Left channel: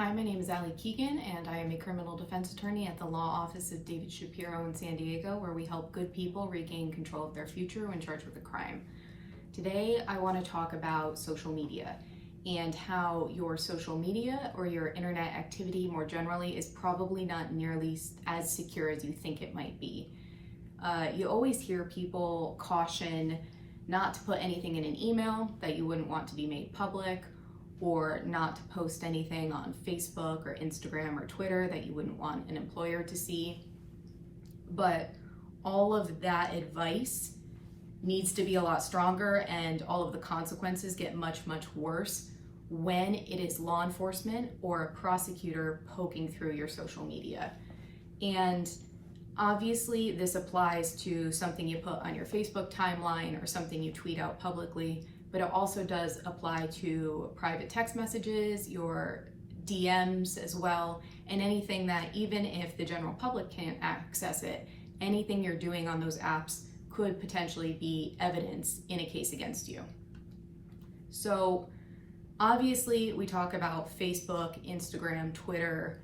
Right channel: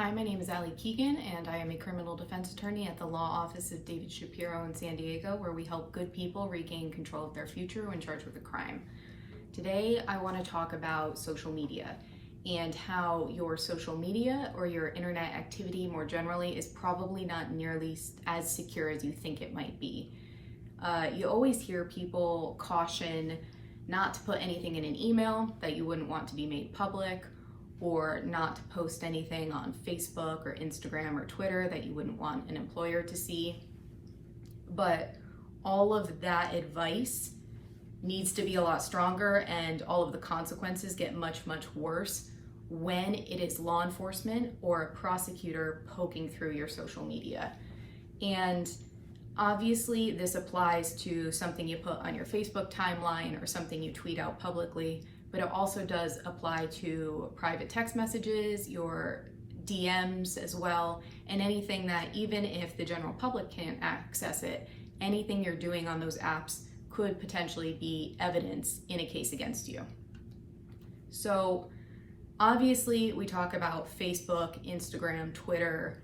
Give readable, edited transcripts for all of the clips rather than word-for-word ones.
Hi, my name is Allie Keegan, and I am a criminal defense attorney at the law office of David Shapiro in San Diego, where we help good people regain control of their future when charged with a crime. Today, I want to talk about social media and how your social media or your internet activity more generally is probably not nearly as secure as you think it might be. You always hear people caution not to put anything in an email that you wouldn't want to be made public, or not to post anything on Facebook or Instagram or Twitter that you wouldn't want an employer to see. But all of that advice needs to be a lot stronger, and all of the consequences get much, much worse when it is law enforcement or a prosecutor poking through your social media. And obviously this applies to something you put on your Facebook timeline or something you tweet out publicly, but it also does apply to private text messages, your DMs as well, and anything that, even if the general public can't access it, anything you're doing on those apps could potentially be evidence in a case against you. So obviously we talk about Facebook, Instagram, Twitter,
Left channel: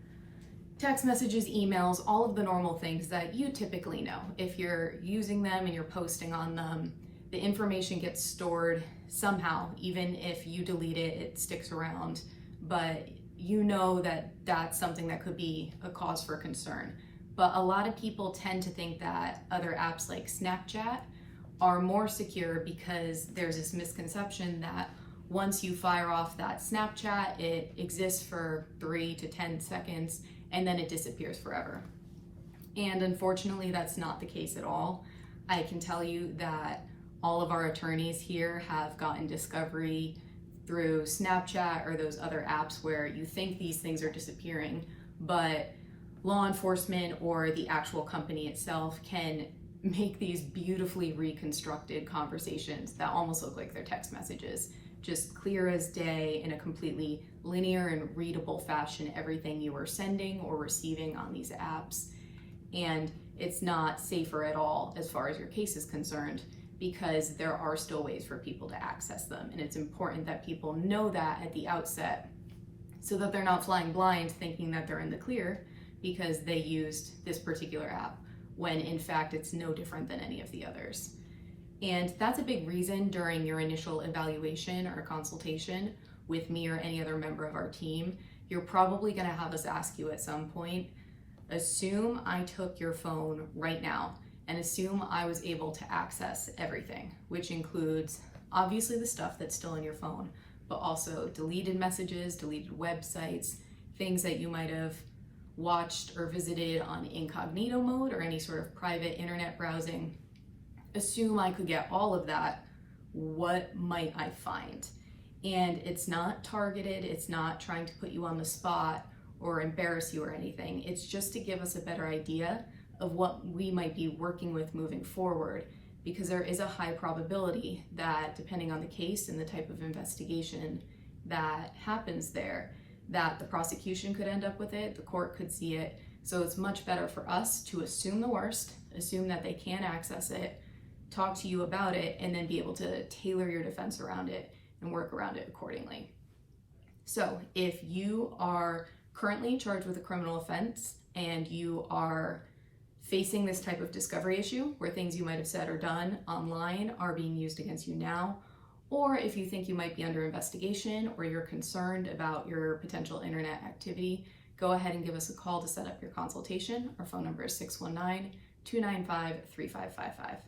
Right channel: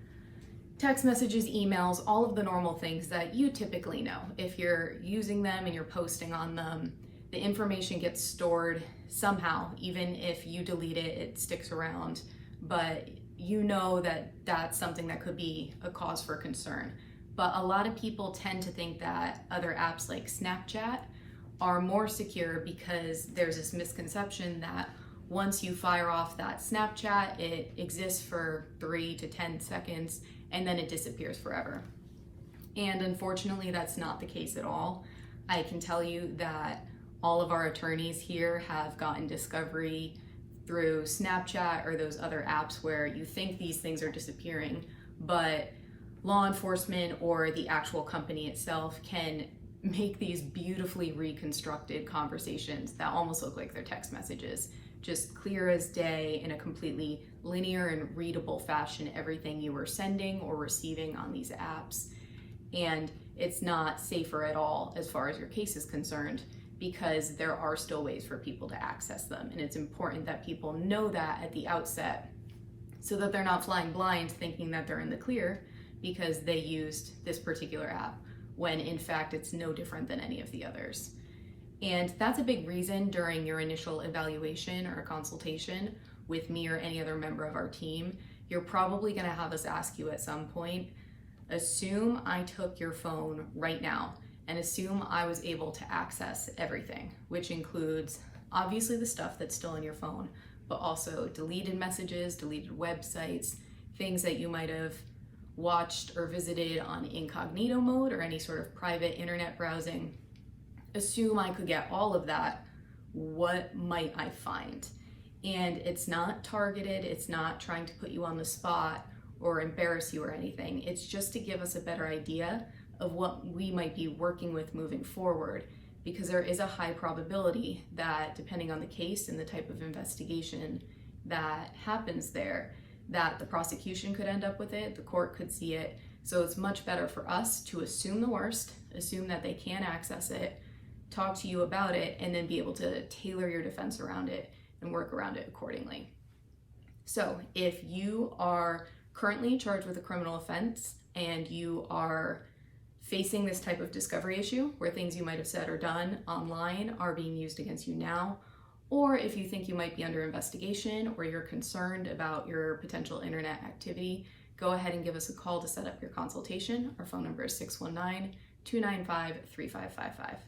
text messages, emails, all of the normal things that you typically know. If you're using them and you're posting on them, the information gets stored somehow. Even if you delete it, it sticks around, but you know that that's something that could be a cause for concern. But a lot of people tend to think that other apps like Snapchat are more secure because there's this misconception that once you fire off that Snapchat, it exists for 3 to 10 seconds and then it disappears forever. And unfortunately, that's not the case at all. I can tell you that all of our attorneys here have gotten discovery through Snapchat or those other apps where you think these things are disappearing, but law enforcement or the actual company itself can make these beautifully reconstructed conversations that almost look like they're text messages, just clear as day in a completely linear and readable fashion, everything you are sending or receiving on these apps. And it's not safer at all as far as your case is concerned, because there are still ways for people to access them. And it's important that people know that at the outset so that they're not flying blind thinking that they're in the clear because they used this particular app, when in fact it's no different than any of the others. And that's a big reason during your initial evaluation or consultation with me or any other member of our team, you're probably gonna have us ask you at some point, assume I took your phone right now and assume I was able to access everything, which includes obviously the stuff that's still in your phone, but also deleted messages, deleted websites, things that you might have watched or visited on incognito mode or any sort of private internet browsing. Assume I could get all of that. What might I find? And it's not targeted, it's not trying to put you on the spot or embarrass you or anything. It's just to give us a better idea of what we might be working with moving forward, because there is a high probability that, depending on the case and the type of investigation that happens there, that the prosecution could end up with it, the court could see it. So it's much better for us to assume the worst, assume that they can access it, talk to you about it, and then be able to tailor your defense around it and work around it accordingly. So if you are currently charged with a criminal offense and you are facing this type of discovery issue where things you might have said or done online are being used against you now, or if you think you might be under investigation or you're concerned about your potential internet activity, go ahead and give us a call to set up your consultation. Our phone number is 619-295-3555.